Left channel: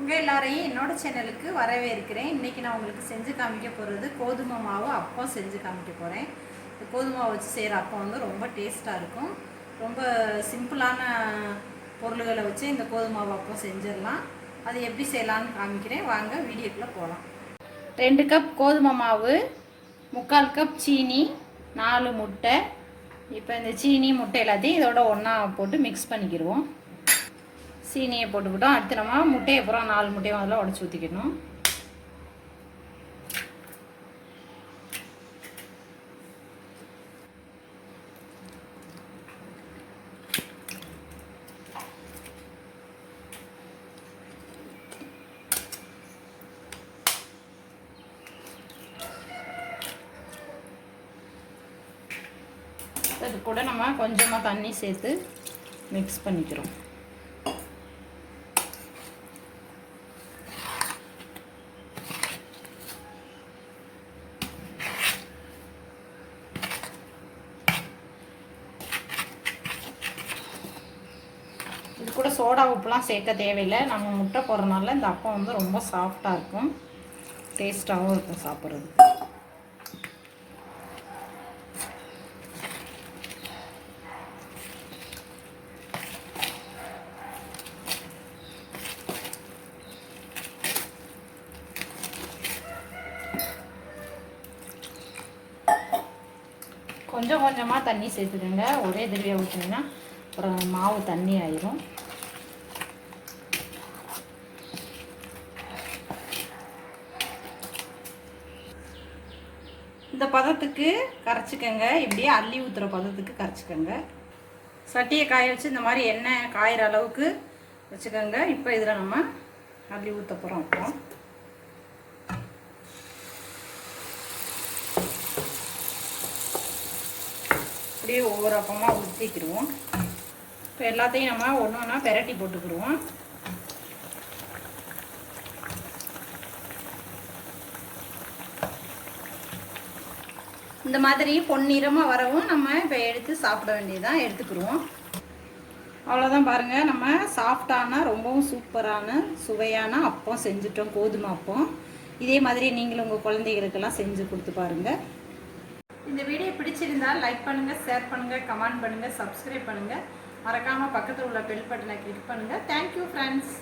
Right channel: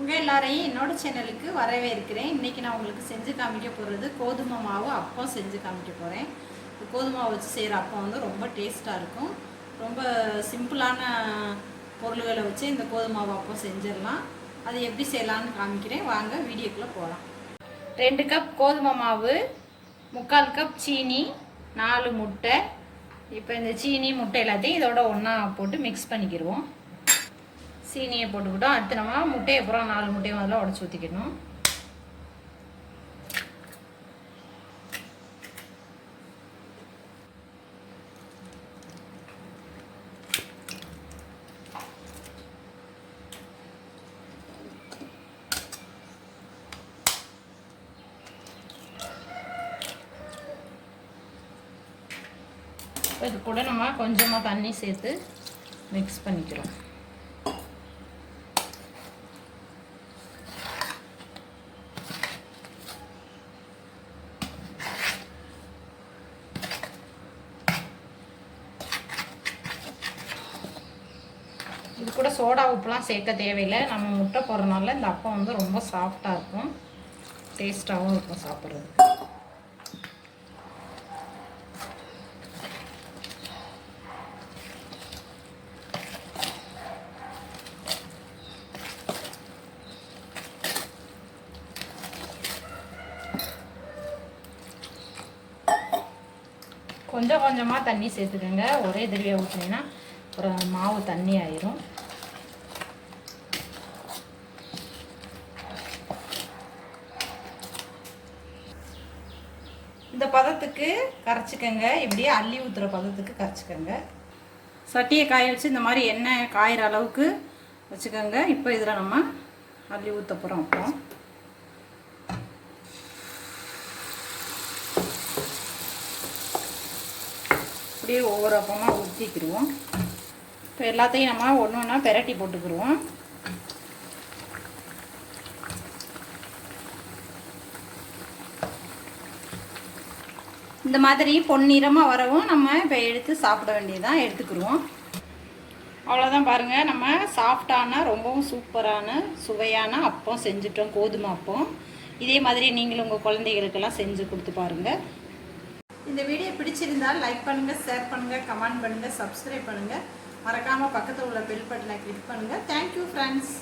உங்கள் எல்லாரையும் என்னோட சேனலுக்கு வரவேற்கிறேன். இன்றைக்கி நான் உங்களுக்கு செஞ்சு காமிக்க போகிறது கோதுமை மாவு அப்பம் செஞ்சு காமிக்க போகிறேன். கோதுமை மாவு வச்சு செய்கிற அப்பம் வந்து ரொம்ப டேஸ்ட்டாக இருக்கும். ரொம்ப சிம்பிளான பொருள்களை வச்சு இந்த கோதுமை மாவு அப்பம் செஞ்சிடலாம். அது எப்படி செய்யலான்னு காமிக்கிறேன். வாங்க வீடியோக்குள்ளே போகலாம். 2 கப் கோதுமை மாவு, 3/4 கப் சீனி, 4 முட்டை. இப்போ இந்த சீனி முட்டை எல்லாத்தையும் இதோட ஒன்றா போட்டு மிக்ஸ் பண்ணிக்கிடுவோம். சீனியை போட்டுக்கிட்டோம். அடுத்து நம்ம முட்டையை பூரா 4 முட்டையை முதல்ல உடச்சி ஊற்றிக்கணும். இது கூட நம்ம கொஞ்சமாக தண்ணி சேர்த்து மிக்ஸ் பண்ணிக்கிறோம். இது கூட சோடா உப்புலாம் சேர்க்க தேவையில்லை. நம்ம முட்டை போடுறதுனால இந்த அப்பம் வந்து ரொம்ப சாஃப்டாக இருக்கும், டேஸ்ட்டாகவும் இருக்கும் சாப்பிட்றது. கொஞ்சம் கொஞ்சமாக தண்ணி சேர்த்துக்கோங்க. ஒரே தடவையாக ஊற்றினீங்கன்னா அப்புறம் மாவு தண்ணி ஆயிரும். இந்த பதத்துக்கு கரைச்சிக்கங்க. இப்படியே அள்ளி ஊற்றுற பதத்துக்கு கரைச்சிக்கங்க. சட்டியை காய வச்சு இந்த மாதிரி எண்ணெய் காயிற அளவுக்கு வச்சுக்கோங்க. இப்போ இதில் நம்ம அள்ளி ஊற்ற போகிறோம். அப்புறம் அப்படியே ஒவ்வொரு அப்பமாக ஊற்றிக்கிடுவோம். இப்போ எல்லாத்தையும் நம்ம ஒன்று ஒன்றா பெரட்டி போட்டுக்கிடுவோம். இந்த மாதிரி பொன்னிறமாக வரவும் நம்ம இப்போ எடுத்து சாப்பிட வேண்டியதான், எடுத்துக்கிடுவோம். அவ்வளோதான். பாருங்கள், நம்ம சாஃப்டான ரொம்பவும் சூப்பரான சுவையான அப்பம் செஞ்சுட்டோம், கோதுமை அப்பம். இதே மாதிரி நீங்களும் உங்கள் குழந்தைகளுக்கெல்லாம் செஞ்சு கொடுத்து பாருங்கள். இந்த வீடியோ பிடிச்சிருந்தால் லைக் பண்ணுங்கள், ஷேர் பண்ணுங்கள், கமெண்ட் பண்ணுங்கள், சப்ஸ்கிரைப் பண்ணுங்கள். மறக்காமல் பக்கத்தில் உள்ள பெல் பட்டனை கிளிக் பண்ணுங்கள். Thank you friends.